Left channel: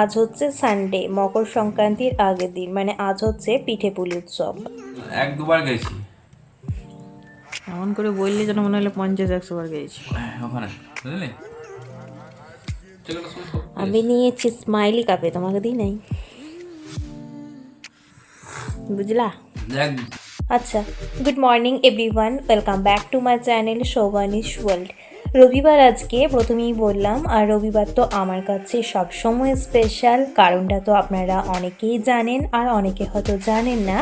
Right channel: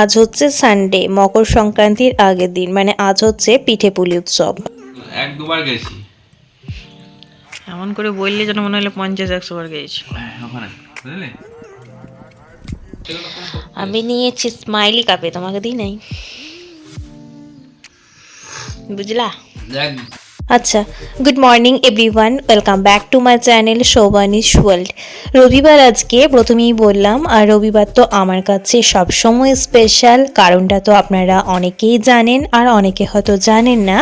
আজ হচ্ছে সানডে, মকর সংক্রান্তির আগের দিন, মানে আজ হচ্ছে পিঠেপুলি উৎসব। এক দুবার গেছি এমন করে বললে যেন মনে হলো 50-100 বার গেছি। ওখানে, বুঝলি? আমি নিয়েছি স্মাইলি কাপে, তোমাকে দিই নাই, বুঝলা? দেখ, আচ্ছা, good morning everyone, welcome back to my channel Shobhani's world. রবিবার আজকে প্রথমেই বললাম, আর রবিবার তো আমার কাছে সবসময় স্পেশাল। কারণটা তো আপনারা অনেকেই জানেন, আর অনেকে হয়তো জানেন না।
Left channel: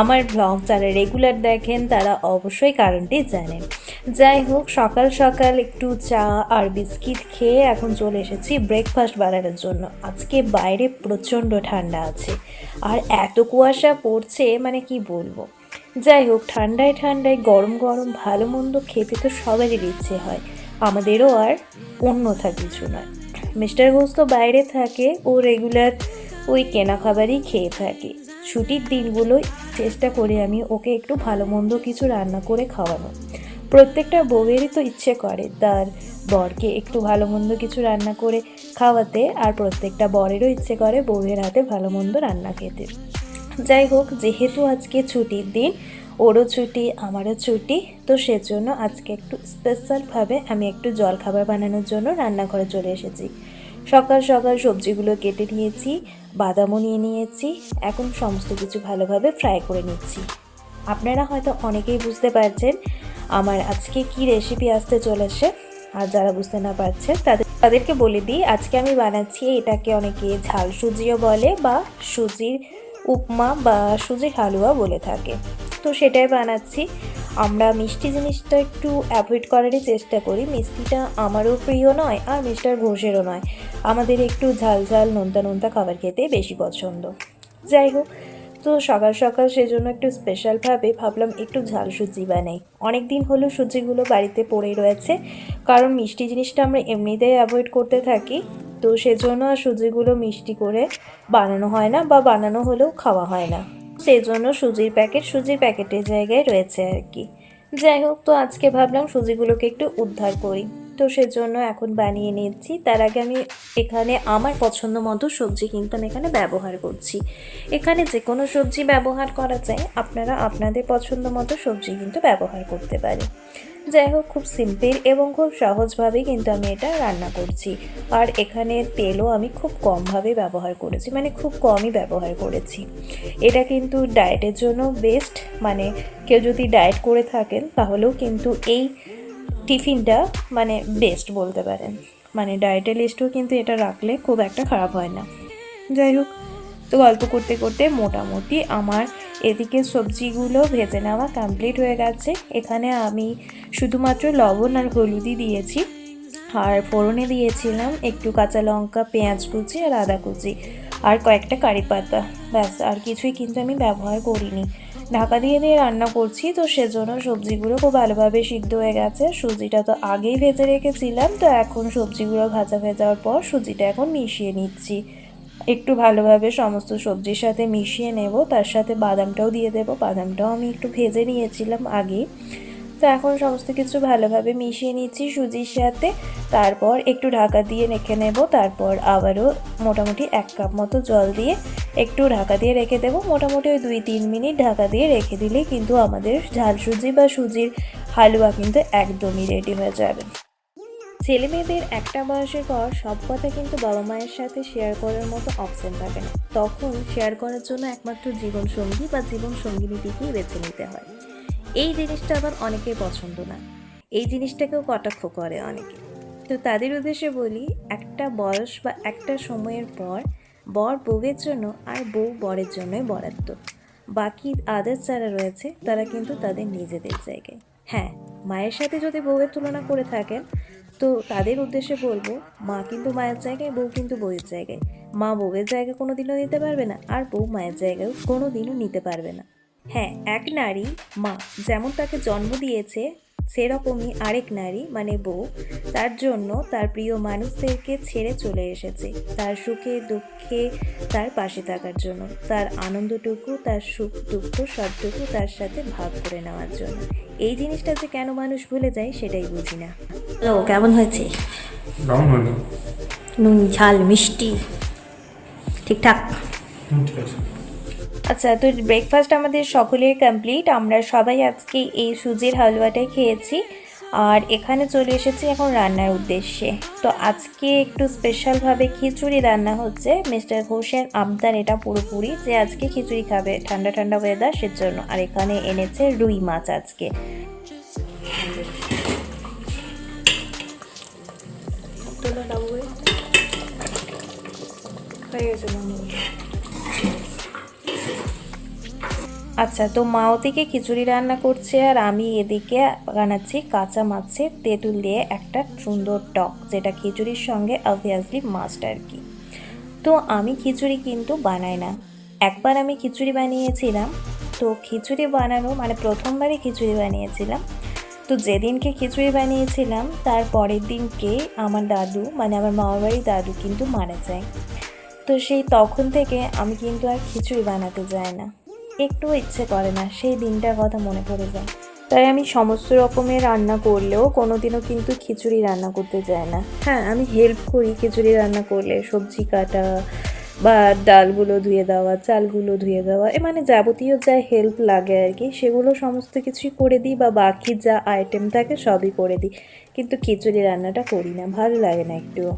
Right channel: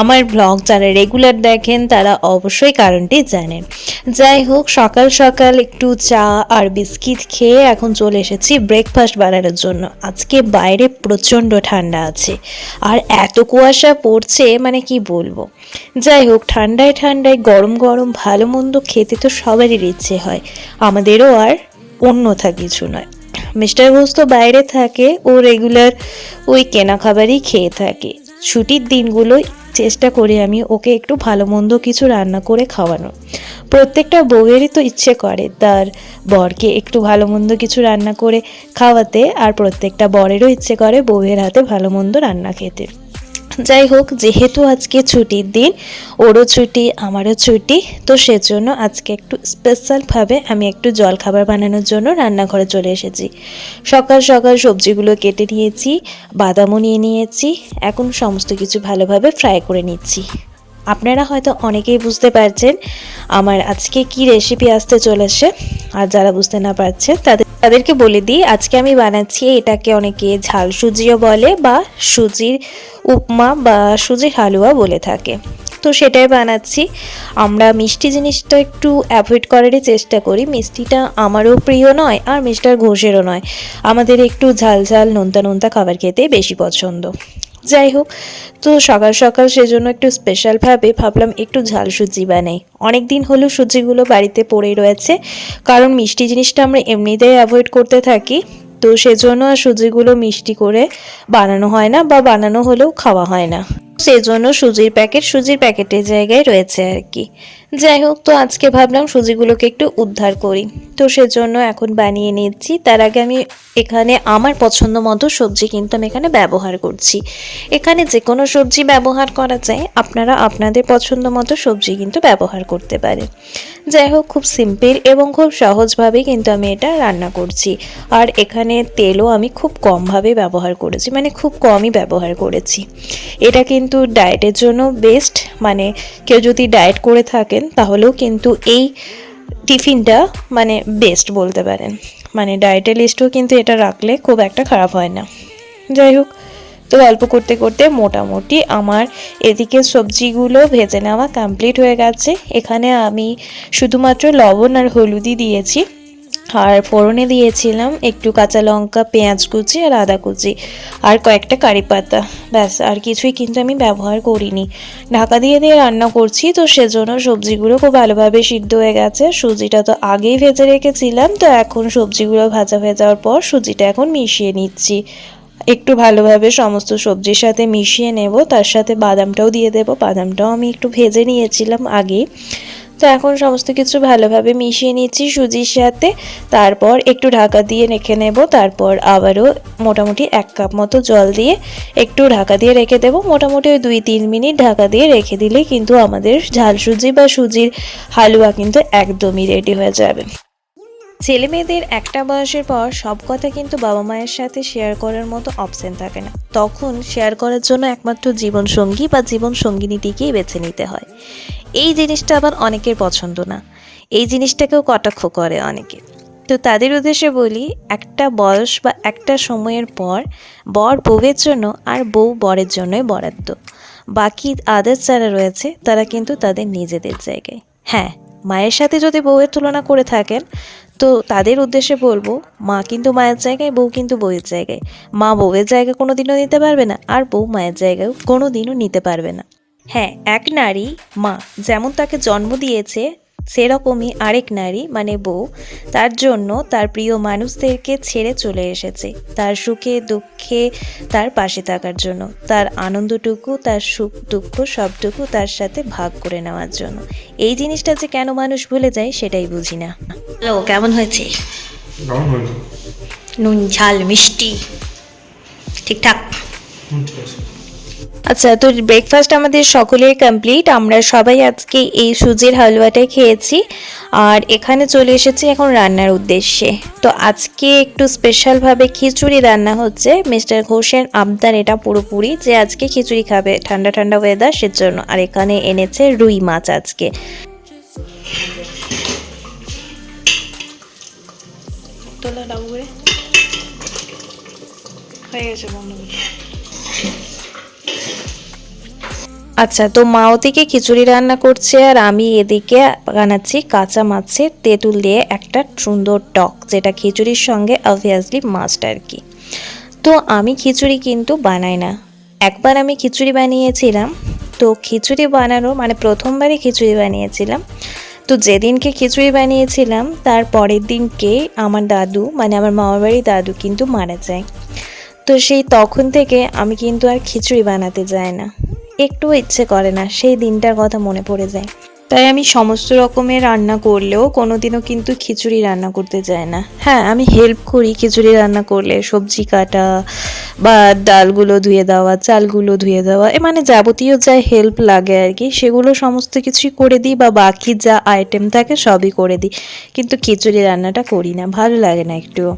আমার ব্লগ যারা রেগুলার দেখেন তারা অবশ্যই কারণটি জানেন। যাই হোক, সকাল সকাল একটু চা আর বিস্কিট খেয়ে এখন চলে এসেছি ব্রেকফাস্ট বানানোর জন্য। আজকে বাইরে প্রচণ্ড ঠান্ডা আছে, আর এত কুয়াশা পড়ছে, মানে কি বলবো। যাই হোক, ঠান্ডায় ঠান্ডায় গরম গরম ভালো মন্দ খেতে তো সবারই ইচ্ছে হয়, আমাদেরও, আর অন্যথা কিছু নয়। মিস্টার ঘোষ তো বাইরে থাকে, ও রেগুলার ওই কেনা খাবারই খেয়ে থাকে। ছুটির দিনগুলোই চেষ্টা করি আমি ওকে একটু ভালো মন্দ কিছু রান্না করে খাওয়ানো। প্রত্যেকটা বউয়েরই তো ইচ্ছে করে তার বরকে একটু ভালো মন্দ কিছু রান্না করে খাওয়াতে, আর প্রত্যেকটা বরেরও ইচ্ছে করে বউয়ের হাতে ভালো মন্দ রান্না খেতে। যাই হোক, যেহেতু আজকে ছুটির দিন, ওরও ছুটি আমারও ছুটি, তো সেজন্য আজকে একটু স্পেশালভাবে আমি একটু জলখাবার বানানোর জন্য রান্নাঘরে চলে এসেছি। সকাল সকাল সবজিগুলো কেটে নিয়েছি, বাদামও নিয়ে নিয়েছি, এখন সমস্ত কিছু ভালোভাবে ফ্রাই করে নিচ্ছি। আপনারা হয়তো অনেকেই বুঝতে পারছেন আমার আজকে কি রেসিপি আসতে চলেছে, আর যারা বুঝতে না পারছেন তাদেরকে বলে দিই, আজকে আমি বানাচ্ছি, এটাকে অনেকে ঝাল সুজিও বলে, বা সুজির উপমা বা সুজির হালুয়া বলে থাকে। তো সেটাই বানাচ্ছি। আমরা মিষ্টি জিনিসটা একটু অ্যাভয়েড করারই চেষ্টা করি। মিষ্টিটা আমারও প্রিয় নয়, আর মিস্টার ঘোষেরও নয়। আমাদের একটু ঝাল ঝাল নোনতা নোনতা খাবার খেতে বেশি পছন্দ। যাই হোক, তো সকাল সকাল সেজন্য একটু স্পেশালভাবে ভাবলাম একটু ঝাল সুজি বানাই। অনেক দিন হলো সুজিগুলো বাড়িতে পড়েই রয়েছে, কারণ মিষ্টি জিনিসটা আমরা এমনিতেই অ্যাভয়েড করতে থাকি। তো সেজন্য আর সুজিগুলো মিষ্টি করে বানানো হয় না, বা বানানো হলেও খাওয়া হয় না। সেজন্য সুজির প্যাকেটের জায়গায় রয়েছে আর কি। যাই হোক, তো আজকে ভাবলাম সুজিগুলোকে একটু উদ্ধার করি, তো সেজন্য এখন বানিয়ে নিচ্ছি। তার আগে আমি এখানে আমার পছন্দ মতো সবজি কিন্তু আমি এখানে ব্যবহার করছি। এখানে যে কোনো সবজি ব্যবহার করা যায়, আপনারা আপনাদের পছন্দ মতো সবজি কিন্তু ব্যবহার করতে পারেন। যাই হোক, খুব সিম্পল এবং খুব সহজভাবেই কিন্তু আমি এটা রান্না করছি। আর এখানে তেলও আমি খুব কমভাবে ব্যবহার করেছি, মানে খুব কমই ব্যবহার করেছি। এটা কিন্তু ডায়েটের জন্য বেস্ট, মানে কেউ যদি ডায়েট করে থাকেন তাহলেও কিন্তু এই টিফিনটা মানে বেস্ট বলতে পারেন। মানে ডায়েটের লিস্টেও কিন্তু এটা রাখলে খুব একটা খারাপ হয় না। যাই হোক, তো গল্প করতে করতে মোটামুটি আমার এদিকে সবজিগুলো ভেজে নেওয়া কমপ্লিট হয়ে গেছে। এখানে আমি শুধুমাত্র লবণ আর হলুদই দিয়েছি, আর ফোড়নে দিয়েছিলাম একটু কাঁচা লঙ্কা, পেঁয়াজ কুচি আর আদা কুচি, আর কয়েকটা কারি পাতা, ব্যাস। আর কিছুই কিন্তু আমি ব্যবহার করিনি। ঢাকা দিয়ে দিয়ে রান্না করছি, তো সেজন্য সবজিগুলো খুব ভালোভাবে সিদ্ধ হয়ে গেছে। সুজিটা তো আগেই ভেজে রেখেছিলাম, তো এখন সবজিগুলো ভাজা হয়ে যাওয়ার পর সুজিটা এখন মিশিয়ে নিচ্ছি। একটু ভালোভাবে সমস্ত সবজির সাথে মিশিয়ে নেব, তার সাথে বাদামটাও দিয়ে দেব। বাদামটাও আমি একটু ভেজে নিয়েছিলাম আগে। তো এখন সমস্ত কিছু ভালোভাবে মিশিয়ে নিচ্ছি সুজির সাথে, তারপর একটু ঢাকা দিয়ে রেখে নেব। তারপর আবারও মোটামুটি 1 কাপ মতো জল দিয়ে একটু ঢাকা দিয়ে রেখে দেব। মোটামুটি ওই 2-3 মিনিট ঢাকা দিয়ে রেখে দিলেই কিন্তু আমাদের ঝাল সুজি বা সুজির হালুয়া কিন্তু একদমই রেডি হয়ে যাবে। ছেলে মেয়েদের একটা বয়সের পর সব কথা কিন্তু বাবা মায়ের সাথে শেয়ার করার মতো অপশন থাকে না। তখন শেয়ার করার জন্য একমাত্র জীবনসঙ্গী বা জীবন সঙ্গিনীটিকেই বেছে নিতে হয়। এই জিনিসটা আবার অনেকের পছন্দ না, এই জিনিসটাকেও কটাক্ষ করে অনেকে। তো তাদের উদ্দেশ্যে বলি, একটা বয়স বা একটা সময়ের পর বর বউয়ের জন্য আর বউ বরের জন্যই বরাদ্দ। বাকি আদার্স যারা রয়েছে তারা কিন্তু তাদের নিজেদের জায়গায়। হ্যাঁ, মায়ের সাথে যদি বউয়ের তুলনা করে থাকেন, তো তাদের উদ্দেশ্যে বলবো, মা কিন্তু মায়ের জায়গায়, বউ কিন্তু বউয়ের জায়গায়। মা বউয়ের জায়গা কোনো দিনও নিতে পারবে না, আর বউ মায়ের জায়গায় কোনো দিনও নিতে পারবে না। হ্যাঁ, এক নারী মা যেমন তাকে জন্ম দিয়েছে, সেরকমই আরেক নারী মানে বউ তার জন্য তার প্রিয় মানুষদেরকে ছেড়ে চলে এসেছে, তার সুখে দুঃখে তার পাশে থাকার জন্য, তার আনন্দটুকু, তার সুখ দুঃখ সবটুকু তার সাথে ভাগ করে নেওয়ার জন্য। এই জিনিসটা যে কেন মানুষ ভুলে যায় সেটাই বুঝি না। হ্যালো, কেমন হয়েছে? নুন ঝাল মিষ্টি ঠিকঠাক? ঠিক আছে। আচ্ছা, তো ব্রেকফাস্ট আমাদের সকলের কমপ্লিট। আমরা সবাই আজকে এই সুজির হালুয়াটাই খেয়েছি আর এখানে চলে এসেছি এখন রান্নার উদ্দেশ্যে। তো আজকে একটু স্পেশালভাবে খিচুড়ি রান্না হচ্ছে। মিস্টার ঘোষের আবদার এটা পুরোপুরি যে আজকে খিচুড়ি খাবে, ঠান্ডা ঠান্ডা ওয়েদার সেজন্য। আর এখানে এনেছে রুই মাছ আজকে। তোলা ডাবু করে হয়ে গেছে বন্ধ করে। আচ্ছা, তো মা ওদিকে খিচুড়ি রান্না করছে আর আমি এদিকে বানাচ্ছি কাঁচা মাছের তেঁতুল দিয়ে একটা সুন্দর টক, যেটা খিচুড়ির সঙ্গে অবভিয়াসলি মাস্ট আর কি। তো আমি খিচুড়ি কিন্তু বানাই না। একবার আমি খিচুড়ি বানিয়েছিলাম, তো খিচুড়ি বানানো মানে প্রথমবারই খিচুড়ি বানিয়েছিলাম। তো যেদিনকে খিচুড়ি বানিয়েছিলাম তার পরের দিনকে আমার দাদু মানে আমার মামার বাড়ির দাদু কিন্তু মারা যায়। তো সেই তখন থেকে আমি কিন্তু আর খিচুড়ি বানাতে যাই না, একটু ইচ্ছে করে না, সেই দিনটার কথা মনে পড়ে যায়। তাই আমি সমস্ত রকমের রান্না করলেও কোনোদিনও কিন্তু খিচুড়ি রান্না করতে যাই না। হ্যাঁ, আমি হেল্প করি খিচুড়ি রান্না করলে, সবজি কাটা বা ডালগুলো ধুয়ে দেওয়া, চালগুলো ধুয়ে দেওয়া, মানে যাবতীয় যা হেল্প লাগে আর কি, সেগুলো সমস্ত কিছুই করে দিই, বা বাকি যা আইটেম থাকে সবই করে দিই। কিন্তু খিচুড়ি রান্নাটা করি না, ভালো লাগে না একটুও।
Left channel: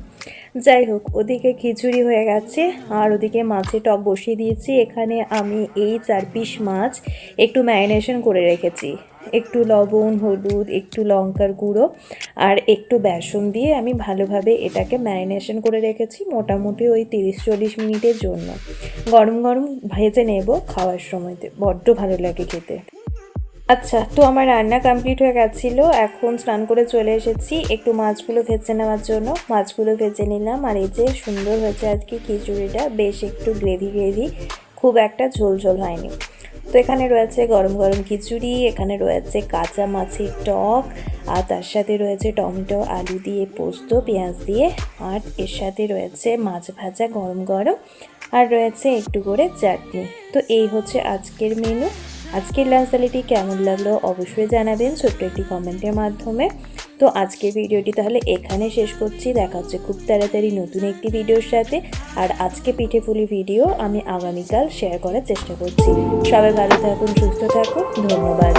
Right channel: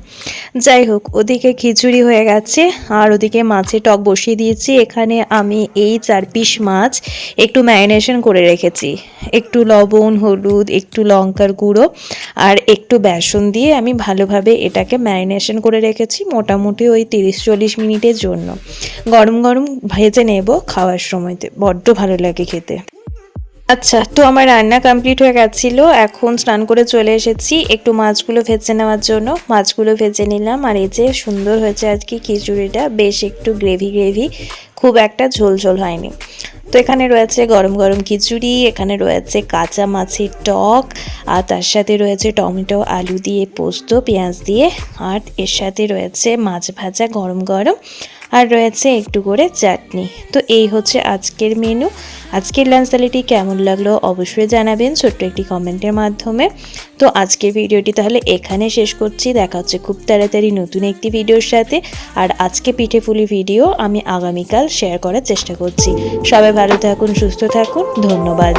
যাই হোক, ওদিকে খিচুড়ি হয়ে গেছে আর ওদিকে মাছের টক বসিয়ে দিয়েছি। এখানে আমি এই 4 পিস মাছ একটু ম্যারিনেশন করে রেখেছি, একটু লবণ, হলুদ, একটু লঙ্কার গুঁড়ো আর একটু বেসন দিয়ে আমি ভালোভাবে এটাকে ম্যারিনেশন করে রেখেছি মোটামুটি ওই 30-40 মিনিটের জন্য। গরম গরম ভেজে নেব খাওয়ার সময়তে, বড্ড ভালো লাগে খেতে। আচ্ছা, তো আমার রান্না কমপ্লিট হয়ে গেছিলো। এখন স্নান করে চলে এসেছি একটু মাছগুলো ভেজে নেওয়ার জন্য। মাছগুলো ভেজে নিলাম আর এই যে সুন্দর হয়েছে আজকে খিচুড়িটা, বেশ একটু গ্রেভি গ্রেভি, খুব একটা ঝোল ঝোল হয়নি। তো এখানে রয়েছে গরম গরম খিচুড়ি, এখানে রয়েছে কাঁচা মাছের টক, আর তার সাথে রয়েছে টমেটো আলু দিয়ে পোস্ত পেঁয়াজ দিয়ে, আর এর সাথে রয়েছে মাছ ভাজা গরম গরম, আর রয়েছে একটু করে চাটনি। তো এই হচ্ছে আজকের মেনু। আজকের লাঞ্চ থালিটি কেমন লাগলো অবশ্যই জানাবেন ছোট্ট একটি কমেন্টের মাধ্যমে। তো আজকের ভিডিওটি তাহলে এখানে শেষ করছি, দেখা হচ্ছে খুব তাড়াতাড়ি নতুন একটি ভিডিওর সাথে। আর আজকে পিঠেপুলি ভিডিও আমি আগামীকাল শেয়ার করার চেষ্টা করছি। সবাই ভালো থাকুন, সুস্থ থাকুন, ধন্যবাদ।